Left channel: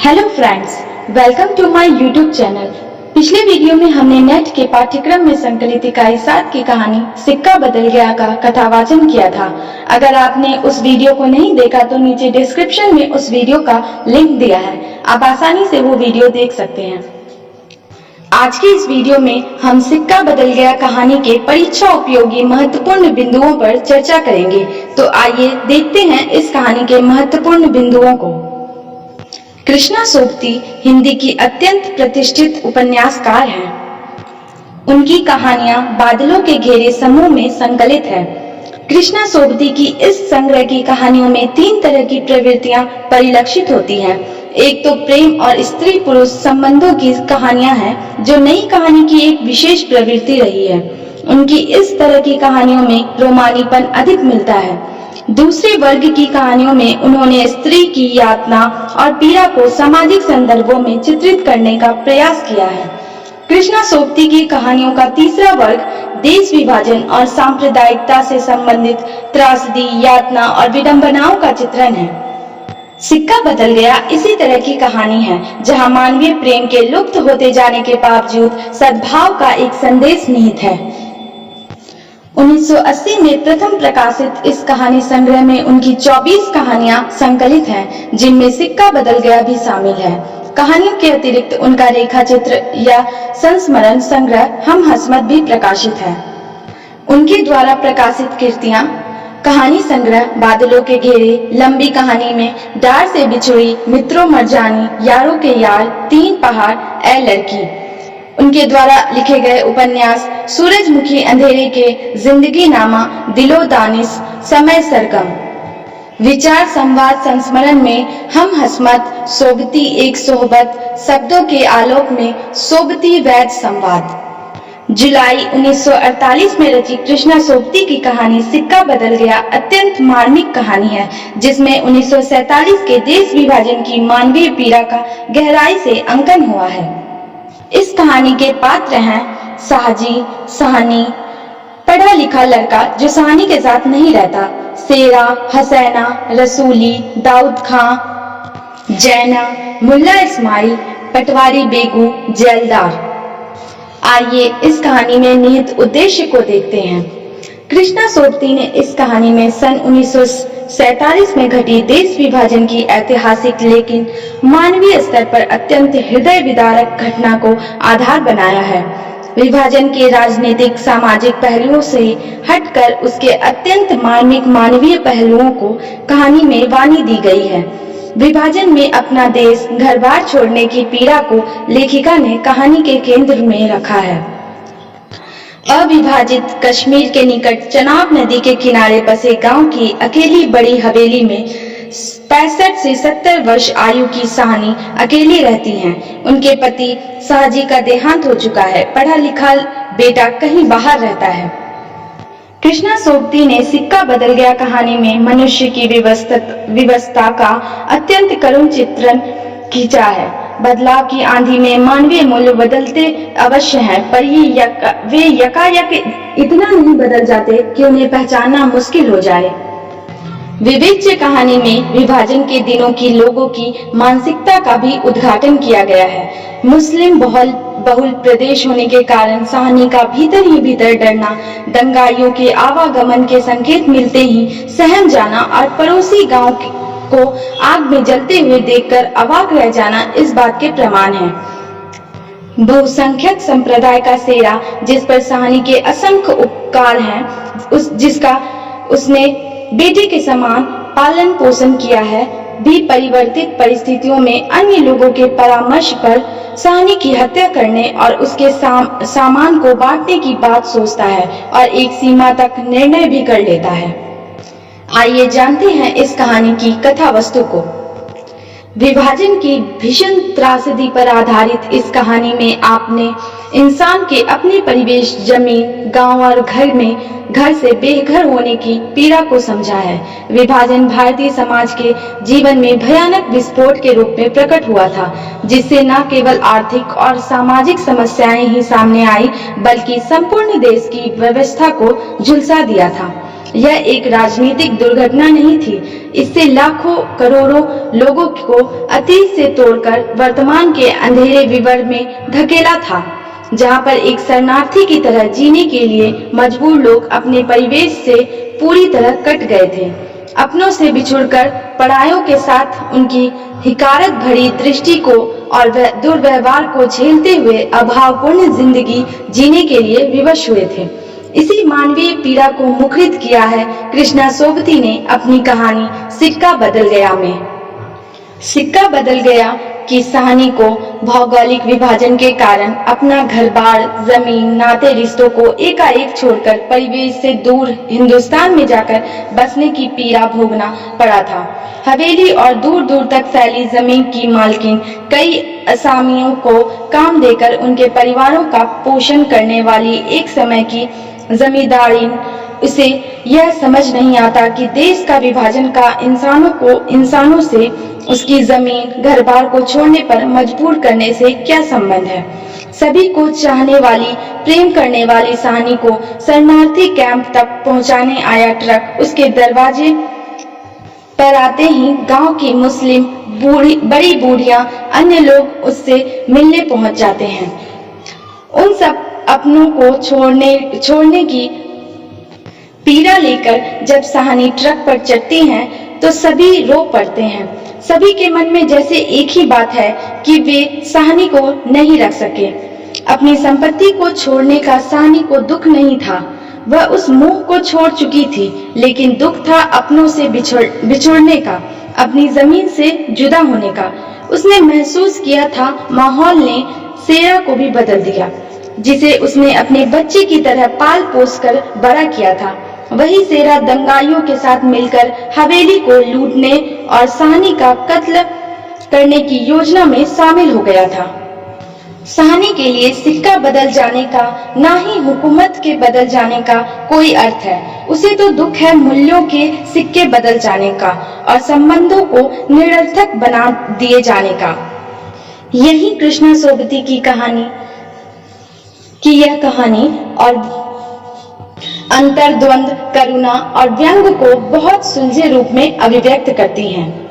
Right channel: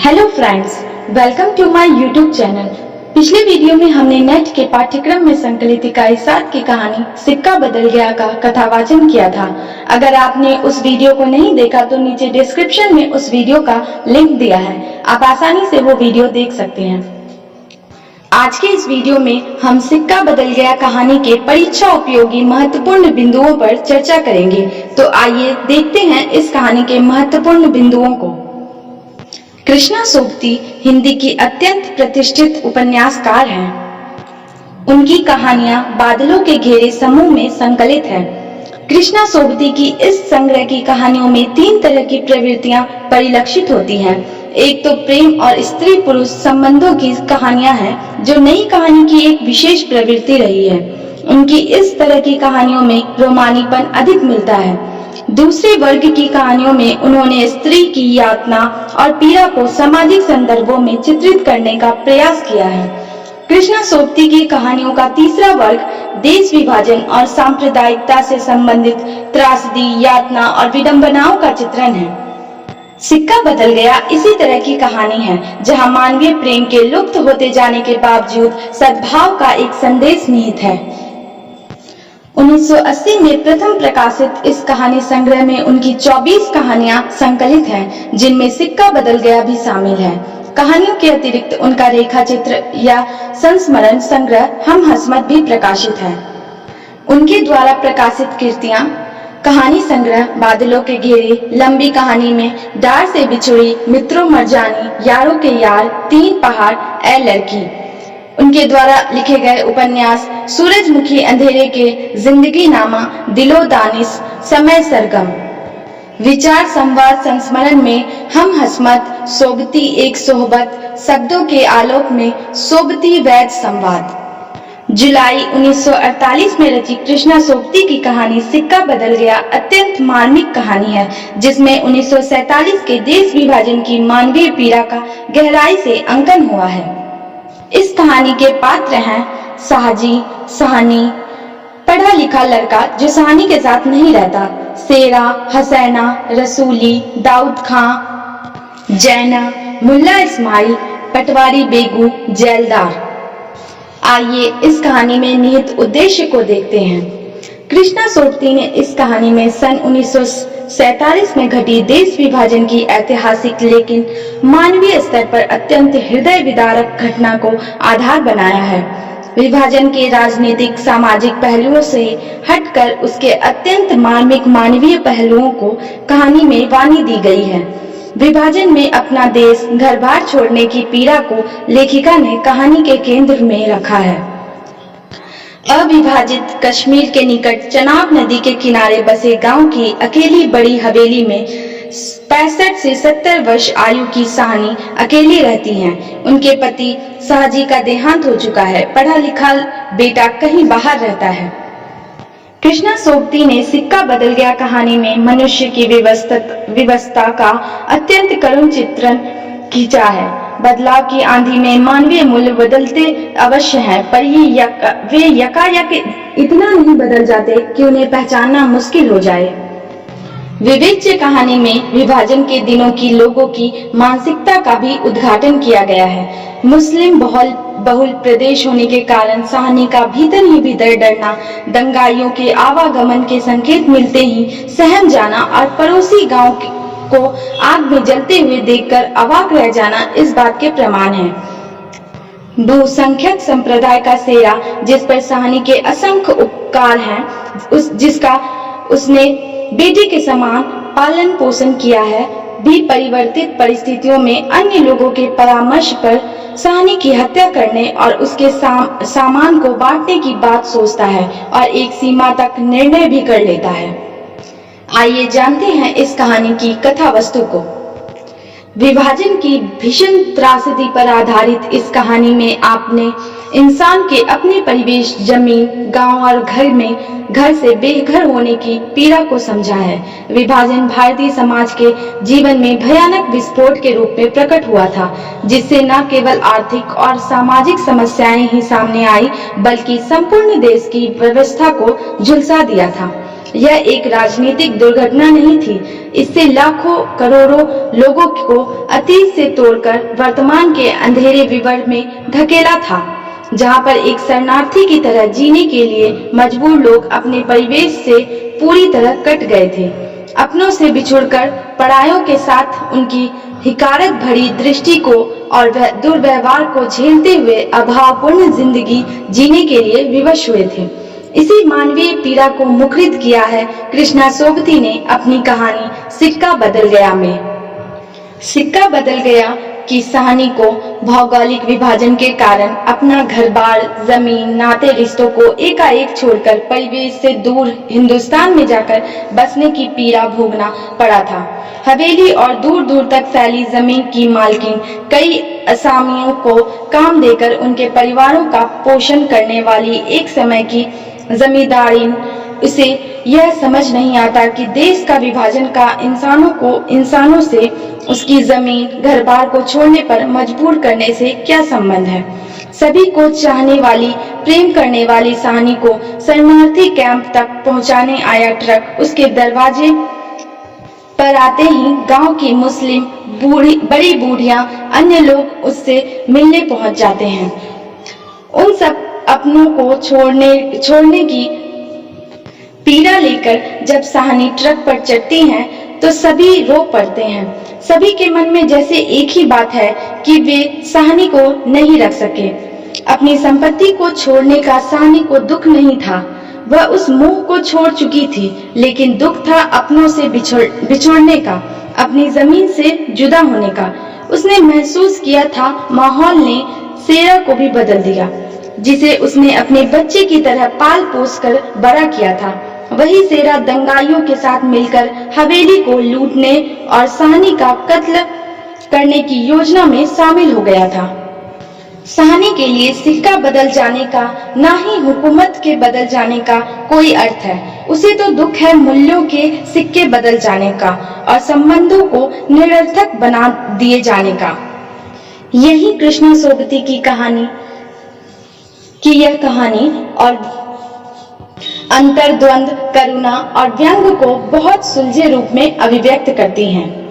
Hello friends, welcome to my YouTube channel. पिछले video में हमने नेट के पाठ्यक्रम में संकलित इकाई 7 की कहानी सिक्का बदल गया का कथावाचन किया था। अगर आपने उस वीडियो को नहीं देखा तो नीचे डिस्क्रिप्शन में उस वीडियो का लिंक दिया है, आप आसानी से वो वीडियो देख सकते हैं। आज के इस वीडियो में हम सिक्का बदल गया कहानी के परीक्षा उपयोगी महत्वपूर्ण बिंदुओं पर चर्चा करेंगे। तो आइए देखते हैं इस कहानी के महत्वपूर्ण बिंदुओं को। कृष्णा सोबती हिंदी की अत्यंत प्रतिष्ठित उपन्यासकार हैं। उनकी कहानियां बादलों के घेरे समूह में संकलित है। कृष्णा सोबती की इस संग्रह की कहानियों में 3 तरह की प्रवृत्तियां परिलक्षित होती हैं। एक तो प्रेम और स्त्री पुरुष संबंधों की कहानियां हैं, जो नई कहानी की एक विशेष प्रवृत्ति रही है। उनकी इस तरह की कहानियों में रोमानीपन अधिक मिलता है। दूसरे वर्ग की कहानियों में उन्होंने स्त्री की यातना और पीड़ा को सामाजिक संदर्भों में चित्रित करने का प्रयास किया है। कृष्णा सोबती की कहानियों का तीसरा वर्ग देश विभाजन और सांप्रदायिकता से संबंधित त्रासदी, यातना और विडंबनाओं का चित्रण है। सिक्का बदल गया इसी तरह की कहानी है, जहां मानवीय प्रेम के लुप्त होते जाने के बावजूद सद्भाव का एक संदेश निहित है। 1980 में प्रथम प्रकाशित इस कहानी संग्रह में उनकी 24 कहानियां संकलित हैं, जिनमें सिक्का बदल गया भी शामिल है। कहानियों के अतिरिक्त उनका रेखा चित्र या संस्मरण संग्रह हम हसमत भी प्रकाशित है। उनके द्वारा प्रकाशित कृतियां कहानी संग्रह बादलों के घेरे, लंबी कहानी में डार से बिछुड़ी, मित्रों मर जानी, यारों के यार, 3 पहाड़, ए लड़की। उनके द्वारा लिखे गए उपन्यास सूरजमुखी अंधेरे के, जिंदगी नामा, दिलो दानिश, समय सरगम। विचार संवाद संस्मरण में हम हसमत, सोबती एक सोहबत, शब्दों के आलोक में सोबती वैद संवाद। जुलाई 1948 में रची कृष्णा सोबती की कहानी सिक्का बदल गया अत्यंत मार्मिक कहानी है, जिसमें 1947 के देश विभाजन की मानवीय पीड़ा का गहराई से अंकन हुआ है। इस कहानी के पात्र हैं साहजी, सहानी, पढ़ा लिखा लड़का जो सहानी के साथ नहीं रहता, शेरा, हसैना, रसूली, दाऊद खां, जैना, मुल्ला इस्माइल, पटवारी बेगू, जेलदार। आइए इस कहानी में निहित उद्देश्य को देखते हैं। कृष्णा सोबती ने इस कहानी में सन 1947 में घटी देश विभाजन की ऐतिहासिक लेकिन मानवीय स्तर पर अत्यंत हृदय विदारक घटना को आधार बनाया है। विभाजन के राजनीतिक सामाजिक पहलुओं से हटकर उसके अत्यंत मार्मिक मानवीय पहलुओं को कहानी में वाणी दी गई है। विभाजन में अपना देश घर बार छोड़ने की पीड़ा को लेखिका ने कहानी के केंद्र में रखा है। अविभाजित कश्मीर के निकट चनाब नदी के किनारे बसे गांव की अकेली बड़ी हवेली में 65 से 70 वर्ष आयु की सहानी अकेली रहती हैं। उनके पति साहजी का देहांत हो चुका है। पढ़ा लिखा बेटा कहीं बाहर रहता है। कृष्णा सोबती ने सिक्का बदल गया कहानी में मनुष्य की विवशता का अत्यंत करुण चित्रण खींचा है। बदलाव की आंधी में मानवीय मूल्य बदलते अवश्य हैं, पर वे यकायक इतना नहीं बदल जाते कि उन्हें पहचानना मुश्किल हो जाए। विवेच्य कहानी में विभाजन के दिनों की लोगों की मानसिकता का भी उद्घाटन किया गया है। मुस्लिम बहुल प्रदेश होने के कारण सहानी का भीतर ही भीतर डरना, दंगाइयों के आवागमन के संकेत मिलते ही सहम जाना और पड़ोसी गांव को आग में जलते हुए देखकर अवाक रह जाना इस बात के प्रमाण हैं। बहुसंख्यक संप्रदाय का शेरा, जिस पर सहानी के असंख्य उपकार हैं, जिसका उसने बेटे के समान पालन पोषण किया है, भी परिवर्तित परिस्थितियों में अन्य लोगों के परामर्श पर सहानी की हत्या करने और उसके सामान को बांटने की बात सोचता है और एक सीमा तक निर्णय भी कर लेता है। आइए जानते हैं इस कहानी की कथा वस्तु को। विभाजन की भीषण त्रासदी पर आधारित इस कहानी में आपने इंसान के अपने परिवेश, जमीन, गांव और घर से बेघर होने की पीड़ा को समझा है। विभाजन भारतीय समाज के जीवन में भयानक विस्फोट के रूप में प्रकट हुआ था, जिससे न केवल आर्थिक और सामाजिक समस्याएं ही सामने आई, बल्कि संपूर्ण देश की व्यवस्था को झुलसा दिया था। यह एक राजनीतिक दुर्घटना नहीं थी। इससे लाखों करोड़ों लोगों को अतीत से तोड़कर वर्तमान के अंधेरे विवर में धकेला था, जहां पर एक शरणार्थी की तरह जीने के लिए मजबूर लोग अपने परिवेश से पूरी तरह कट गए थे। अपनों से बिछुड़कर परायों के साथ उनकी हिकारत भरी दृष्टि को और दुर्व्यवहार को झेलते हुए अभावपूर्ण जिंदगी जीने के लिए विवश हुए थे। इसी मानवीय पीड़ा को मुखरित किया है कृष्णा सोबती ने अपनी कहानी सिक्का बदल गया में। सिक्का बदल गया की कहानी को भौगोलिक विभाजन के कारण अपना घर-बार, जमीन, नाते रिश्तों को एकाएक छोड़कर परिवेश से दूर हिंदुस्तान में जाकर बसने की पीड़ा भोगना पड़ा था। हवेली और दूर दूर तक फैली जमीन की मालकिन कई असामियों को काम देकर उनके परिवारों का पोषण करने वाली एक समय की जमींदारीन उसे यह समझ नहीं आता कि देश का विभाजन का इंसानों से उसकी जमीन घर-बार को छोड़ने पर मजबूर करने से क्या संबंध है। सभी को चाहने वाली, प्रेम करने वाली सहानी को शरणार्थी कैंप तक पहुंचाने आया ट्रक उसके दरवाजे पर आते ही गांव की मुस्लिम बड़ी बूढ़ियां, अन्य लोग उससे मिलने पहुंच जाते हैं। उन सब अपनों को छोड़ने की पीड़ा लेकर जब सहानी ट्रक पर चढ़ती हैं तो सभी रो पड़ते हैं। सभी के मन में जैसे एक ही बात है कि वे सहानी को नहीं रख सके। अपनी संपत्ति को छोड़ने का सहानी को दुख नहीं था, वह उस मोह को छोड़ चुकी थी, लेकिन दुख था अपनों से बिछुड़ने का, अपनी जमीन से जुदा होने का। उसने महसूस किया था माहौल ने सेरा को भी बदल दिया, जिसे उसने अपने बच्चे की तरह पाल पोस कर बड़ा किया था। वही सेरा दंगाइयों के साथ मिलकर हवेली को लूटने और सहानी का कत्ल करने की योजना में शामिल हो गया था। सहानी के लिए सिक्का बदल जाने का, ना ही हुकूमत के बदल जाने का कोई अर्थ है। उसे तो दुख है मूल्यों के सिक्के बदल जाने का और संबंधों को निरर्थक बना दिए जाने का। यही कृष्णा सोबती की यह कहानी और अंतर्द्वंद, करुणा और व्यंग को बहुत सुलझे रूप में अभिव्यक्त करती हैं।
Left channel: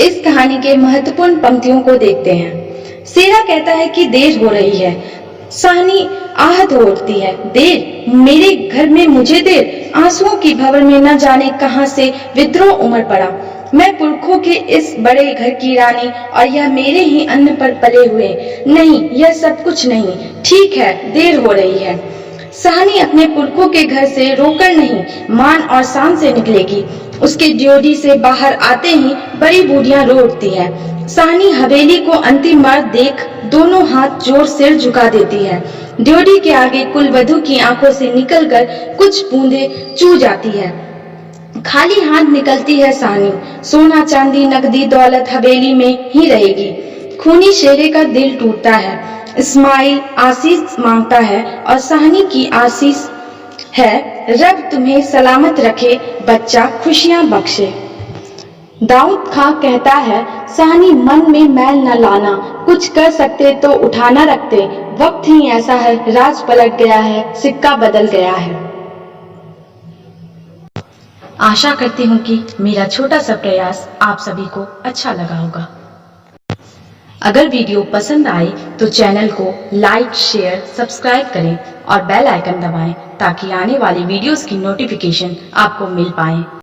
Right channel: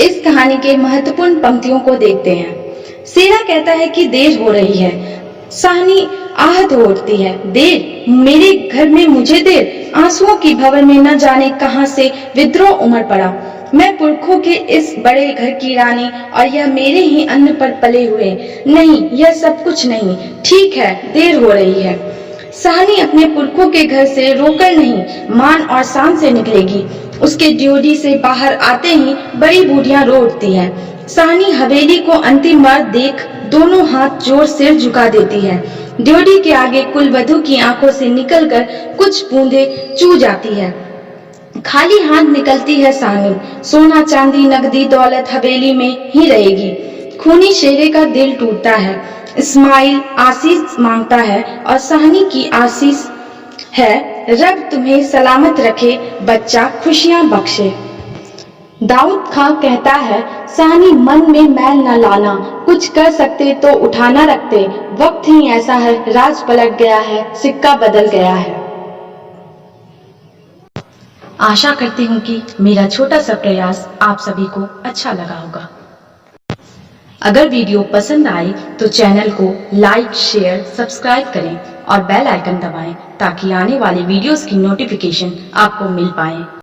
इस कहानी के महत्वपूर्ण पंक्तियों को देखते हैं। सेरा कहता है कि देर हो रही है। सहानी आहत हो उठती है। देर? मेरे घर में मुझे देर? आंसुओं की भंवर में न जाने कहां से विद्रोह उमड़ पड़ा। मैं पुरखों के इस बड़े घर की रानी और यह मेरे ही अन्न पर पले हुए। नहीं, यह सब कुछ नहीं। ठीक है, देर हो रही है। सहानी अपने पुरखों के घर से रोकर नहीं, मान और शान से निकलेगी। उसके ड्योढ़ी से बाहर आते ही बड़ी बूढ़ियां रो उठती है। सहानी हवेली को अंतिम बार देख दोनों हाथ जोड़ सिर झुका देती है। ड्योढ़ी के आगे कुलवधू की आंखों से निकलकर कुछ बूंदें चू जाती है। खाली हाथ निकलती है सहानी। सोना चांदी नकदी दौलत हवेली में ही रहेगी। खूनी शेरे का दिल टूटता है। इस्माइल आशीष मांगता है और सहानी की आशीष है, रब तुम्हें सलामत रखे, बच्चा खुशियां बख्शे। दाऊद खां कहता है, सहानी मन में मैल न लाना, कुछ कर सकते तो उठाना रखते। वक्त ही ऐसा है, राज पलट गया है, सिक्का बदल गया है। आशा करती हूँ कि मेरा छोटा सा प्रयास आप सभी को अच्छा लगा होगा। अगर वीडियो पसंद आए तो चैनल को लाइक, शेयर, सब्सक्राइब करें और बेल आइकन दबाएं ताकि आने वाली वीडियोस की नोटिफिकेशन आपको मिल पाए।